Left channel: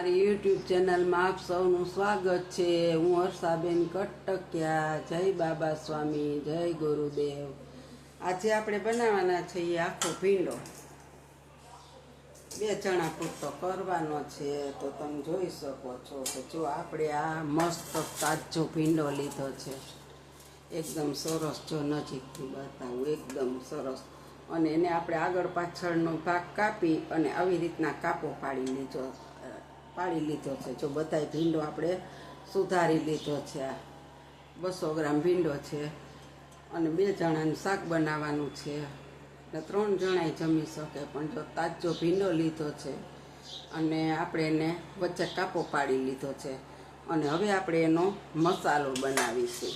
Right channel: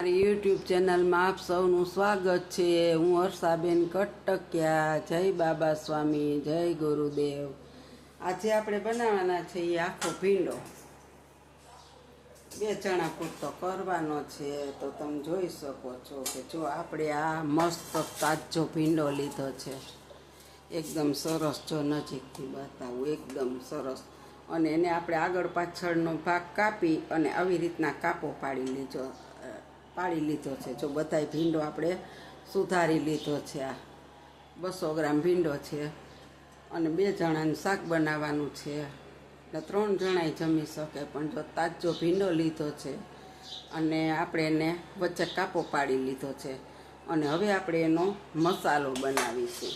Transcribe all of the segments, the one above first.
મારી યુટ્યુબ ચેનલમાં આપ સૌનું સ્વાગત છે। હું હર્ષાબેન કટકિયા। જય બાબા સ્વામી, જય ગુરુદેવ। આજે આપણે બનાવવાના છીએ આખો ભીંડો। 2 ચણા પૂરતો કરવાનો છે। તો તમે જોઈ શકો છો કે જો આપણે આ મસ્ત તાજો ભીંડો લીધો છે, એકદમ સરસ। જો નજીકથી બતાવું, એકદમ સરસ। અને એને આપણે આગળ પાછળનો ભાગ કાપી અને આવી રીતના કાપો પાડી લીધો છે। જો બધાય ભીંડો આપણે સુધારી લીધો છે। આ 200 ગ્રામ ભીંડો છે અને 2 જણાનું શાક બનાવવાનું છે ને 3 જણાય જમી શકે। પણ જો તાજો ભીંડો લીધો છે અને આપણે એને વચ્ચે કાપો પાડી લીધો છે અને હવે આપણે એનો મસાલો બનાવીશું।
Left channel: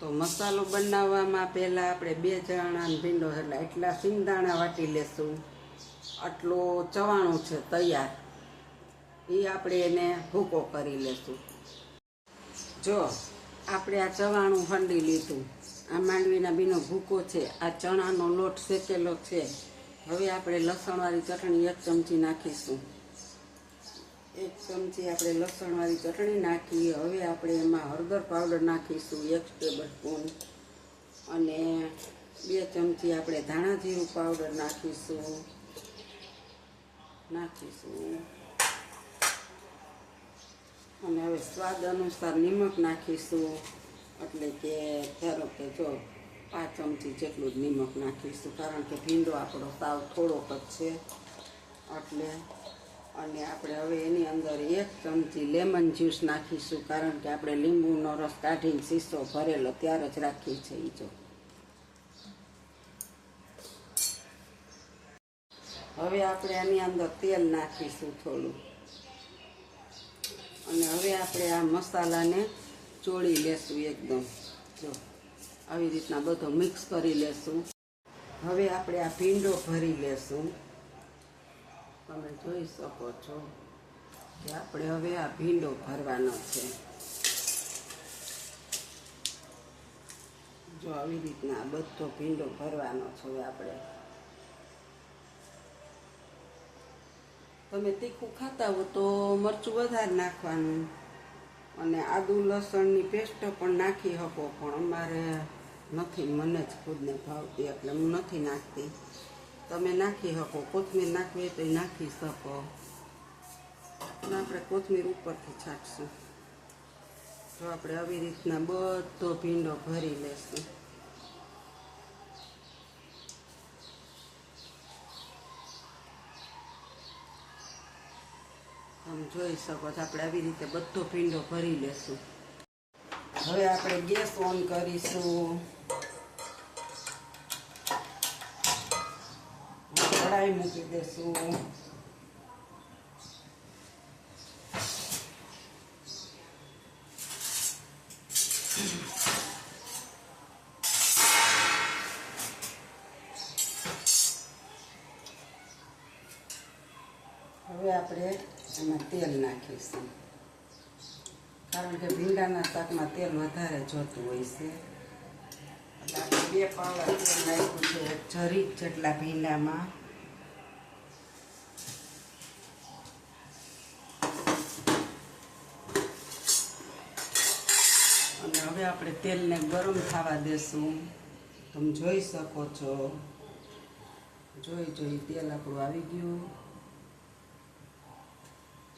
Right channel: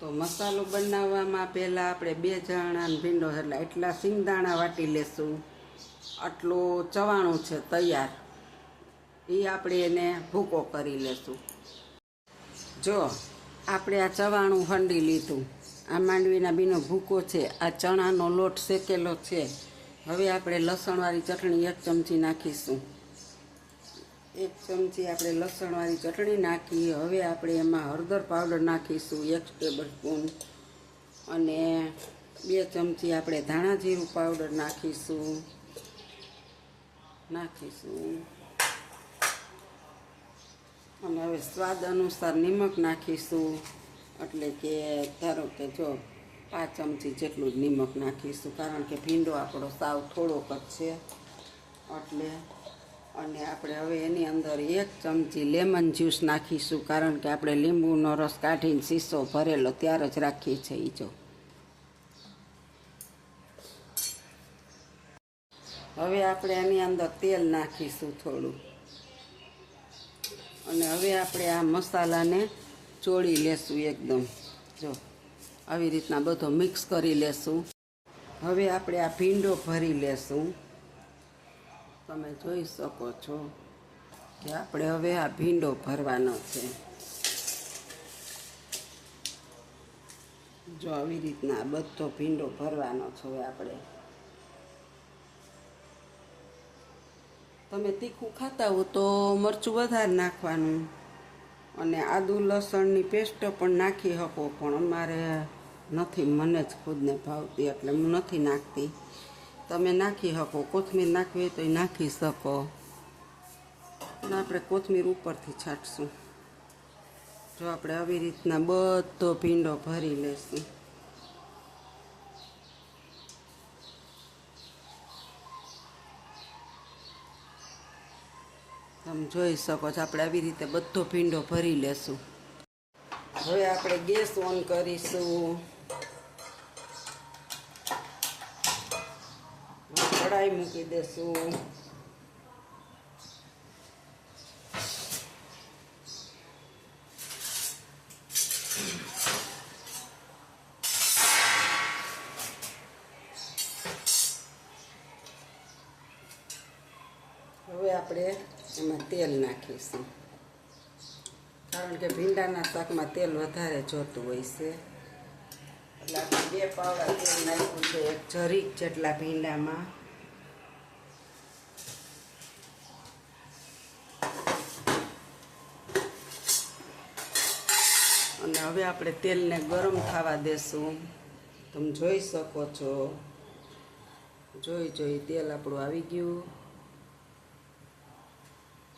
તો મસાલો બનાવવામાં પહેલાં આપણે 2 જણાનો ભીંડો એટલે એટલા સિંગદાણા વાટી લેશું, આટલો ચવાણું છે તૈયાર, એ આપણે એને ભૂકો કરી લેશું। જો આપણે આ ચવાણું હંડી લીધું, આ માંડવીના બીનો ભૂકો છે, આ ચણાનો લોટ શેકેલો છે। હવે આપણે લસણવાળી ચટણી 1 ચમચી નાખીશું। 1 ચમચી આપણે લસણવાળી ચટણી નાખી। હવે આપણે એમાં હળદર પાવડર નાખીશું 1 ટેબલ સ્પૂન અને 2 ચમચી આપણે ધાણા જીરું પાવડર નાખીશું। અને હવે સ્વાદ અનુસાર નિમક નાખીશું, એટલે કે ધારો કે જો 5 ચમચી જેટલું જ નિમક નાખીશું, કારણ કે ભીંડો આપણો સાવ થોડોક જ છે એટલે। અને આપણે હવે એની અંદર 1 ચમચી લેમન જ્યુસ નાખીશું, કારણ કે આપણે લીંબુનો રસ કાઢીને શીશો ભરેલો ત્યારે જ રાખીએ છીએ। જો હવે આપણે આની અંદર તેલ નાખીશું થોડું અને હવે આપણે આ મસાલાને ચોળી લેશું એકદમ। જો આવી રીતના બધો મિક્સ કરી લેશું। હવે આપણે આ ભીંડો ભરી લેશું। તમે જોઈ શકો છો કે આપણે હવે આ ભીંડો ભરવાનો છે। જો આવી રીતના બધો ભીંડો ભરવાનો છે આપણે। તમે તીખું ખાતા હો તો મરચું વધારે નાખવાનું અને આદુ લસણની પેસ્ટ પણ નાખી શકો, પણ અમારે નથી, મને જ ખુદને ભાવતી એટલે હું નથી નાખતી। તમે નાખી શકો, કોથમીર નાખવી હોય તો એ નાખી શકો અને આપણે કોથમીર ઉપરથી છાંટશું। જો આપણે આવી રીતના બધો ભીંડો ભરી લેશું। તમે જોઈ શકો છો આપણે આવી રીતે બધો ભીંડો ભરી લેશું। હવે આપણે ગેસ ઓન કરીશું, કઢાઈ મૂકી દેશું। હવે આપણે એમાં તેલ નાખીશું, કારણ કે ભીંડાના શાકમાં તેલ વધારે જોતું હોય છે, એટલે આપણે 2 પાવડા તેલ નાખ્યું છે જરીક જેટલા ભીંડામાં। અને હવે આપણે તેલને ગરમ થવા દેશું। તમે જોઈ શકો છો, જોઈ તેલ આપણું આવી ગયું।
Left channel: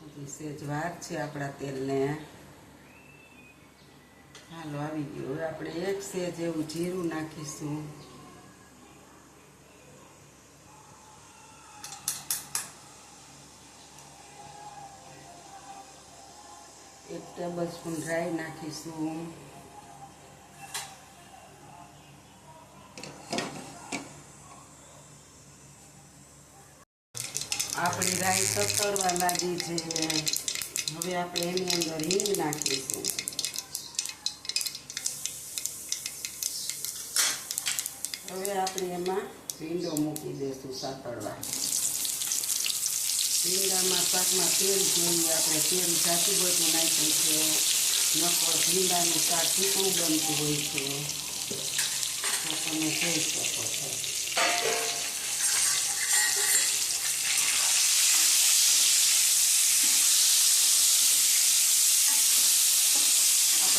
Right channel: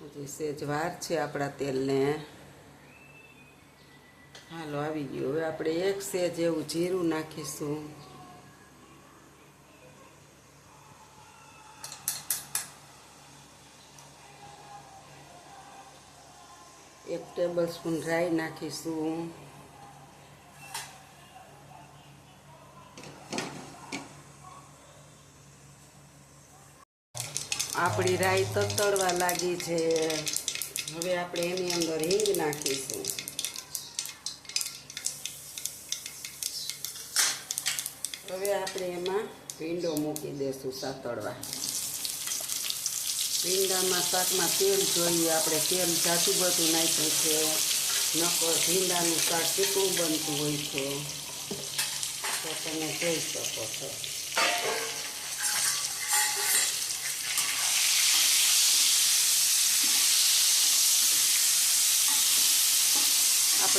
હજી સેજ વાર છે આપણા તેલને। હાલો, આવી ગયું। હવે આપણે 1 સેજ એવું જીરું નાખીશું, 1 ટેબલ સ્પૂન રાઈ નાખીશું, આપણી રાઈ તતડવા લાગી છે। હવે આપણે એની અંદર હિંગ નાખીશું। હવે આપણે એમાં ભીંડો મૂકી દઈશું સાતળવા। ભીંડામાં શાકમાં તેલ જોઈએ આપણે, તેલ જાજુ બધું નાખ્યું છે, નકર ભીંડાનું શાક ટૂંકું બનતું હોય છે, તો તમે જોઈ શકો છો।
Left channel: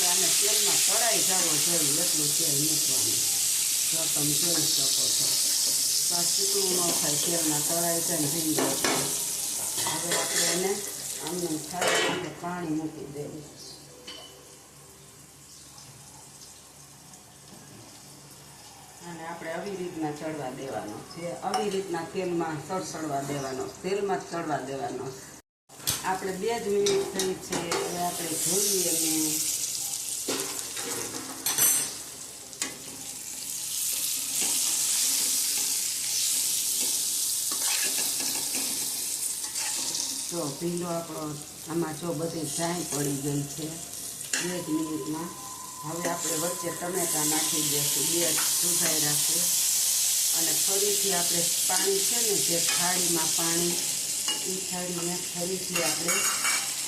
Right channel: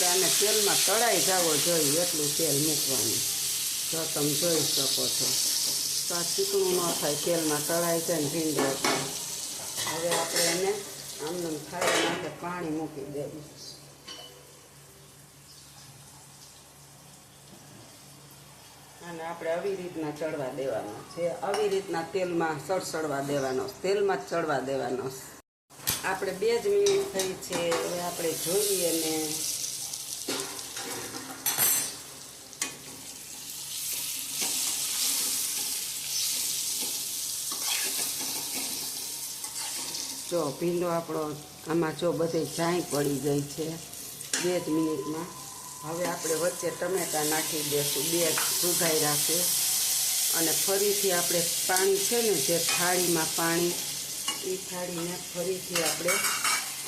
આને તેલમાં તળાઈ જવો જોઈએ એટલું તેલ મૂકવાનું. જો તમે જોઈ શકો છો તો આ ચીકણું ન થાય, તેલમાં તળાઈ જાય ને ભીંડો. હવે આપણે એને આમ ખાવા માટે પાણી મૂકી દેવું. અને આપણે આવી રીતના ચડવા દેવાનો છે, આવી રીતના તેલમાં સડસડવા દેવાનો, તેલમાં જ ચડવા દેવાનો. આપણે 2 જ મિનિટ થઈ છે. હવે આપણે જોઈએ ને જો ભીંડો આપણો આમાં જો બધી છાઈ પડી ગઈ છે 2 જ મિનિટમાં. હવે આપણે વચ્ચે ટમેટા નાખી દઈશું, 2 સુધાઈ રાખે. અને ફરીથી આપણે પાણી છે ને જે થાળીમાં પાણી, એ થાળીને ફરીથી આપણે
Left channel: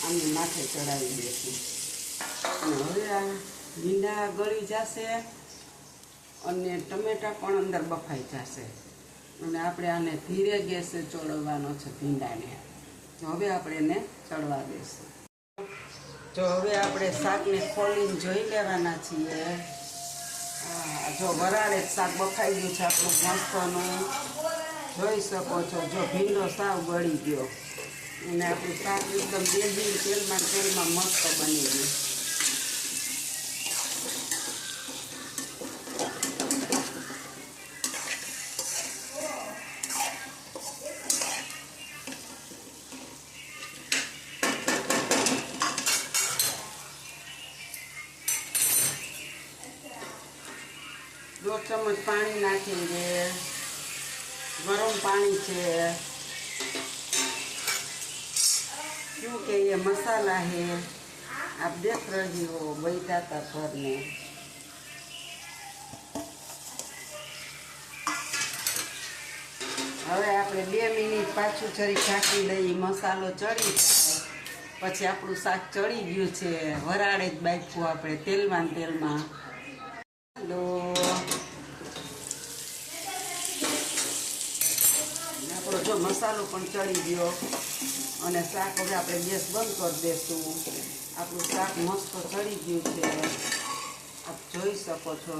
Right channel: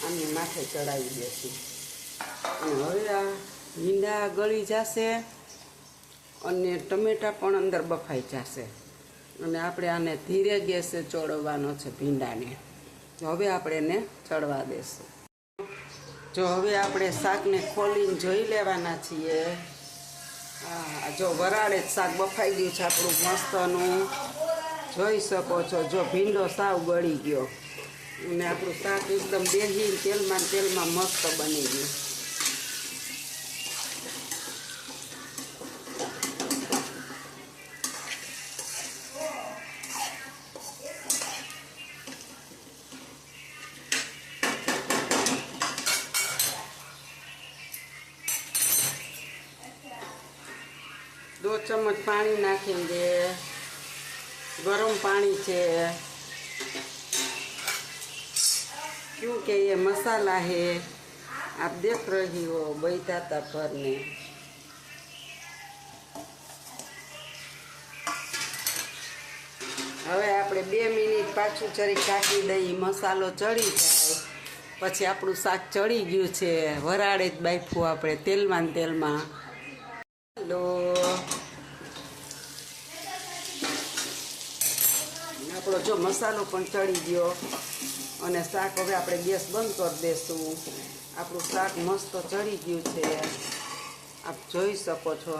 આને માથે ચડાવી દઈશું. અને હવે આ ભીંડા ગળી જશે અને ટમેટા પણ અંદર બફાઈ જશે. અને આપણે આને ધીરે ગેસે ચોળવવાનો છે ભીંડાને. હવે આપણે એને ચડવા દેશું. જો હવે આપણે શાકને ખોલીને જોઈ લેવાના છીએ. જો વરાળે જ શાક બફાઈ ગયું છે આપણું મસ્તનું, જોઈ શકો છો. જો ભીંડો સાવ ગળી ગયો અને આપણું શાક એકદમ બેસી તેલમાં મસ્ત બની ગયું. दो चम्मच पानी नाखेंगे, गरम पानी है क्योंकि ये मसाला है, आप देख रही हो बैठाता भरने. હવે આપણે 2 મિનિટ પાછું જરી ઢાંકી દઈએ, મસાલો ચડી જાય પછી આપણું શાક ચડી ગયું છે. વરાળે જ બાફવું આપણે તેલમાં. હેલો, આપણો જો મસાલો પણ ચડી ગયો અને શાક હવે આપણે ગેસ બંધ કરી દઈશું. આપણું શાક મસ્ત ચડી ગયું છે, આપ જોઈ શકો છો.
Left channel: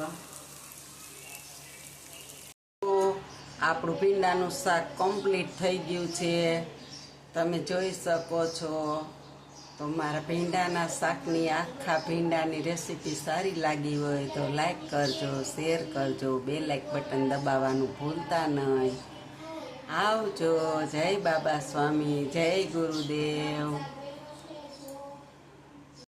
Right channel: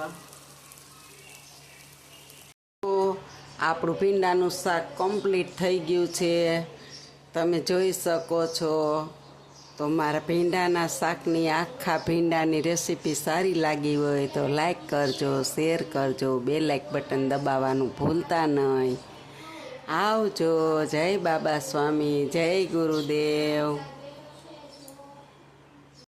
આપણું ભીંડાનું શાક કમ્પ્લીટ થઈ ગયું છે, તમે જોઈ શકો છો. તો મારા ભીંડાના શાકની આખા ભીંડાની રેસીપી સારી લાગી હોય તો લાઈક કરજો, શેર કરજો, બેલ આઇકન બટન દબાવવાનું ભૂલતા નહીં. આવજો. જય બાબા સ્વામી, જય ગુરુદેવ.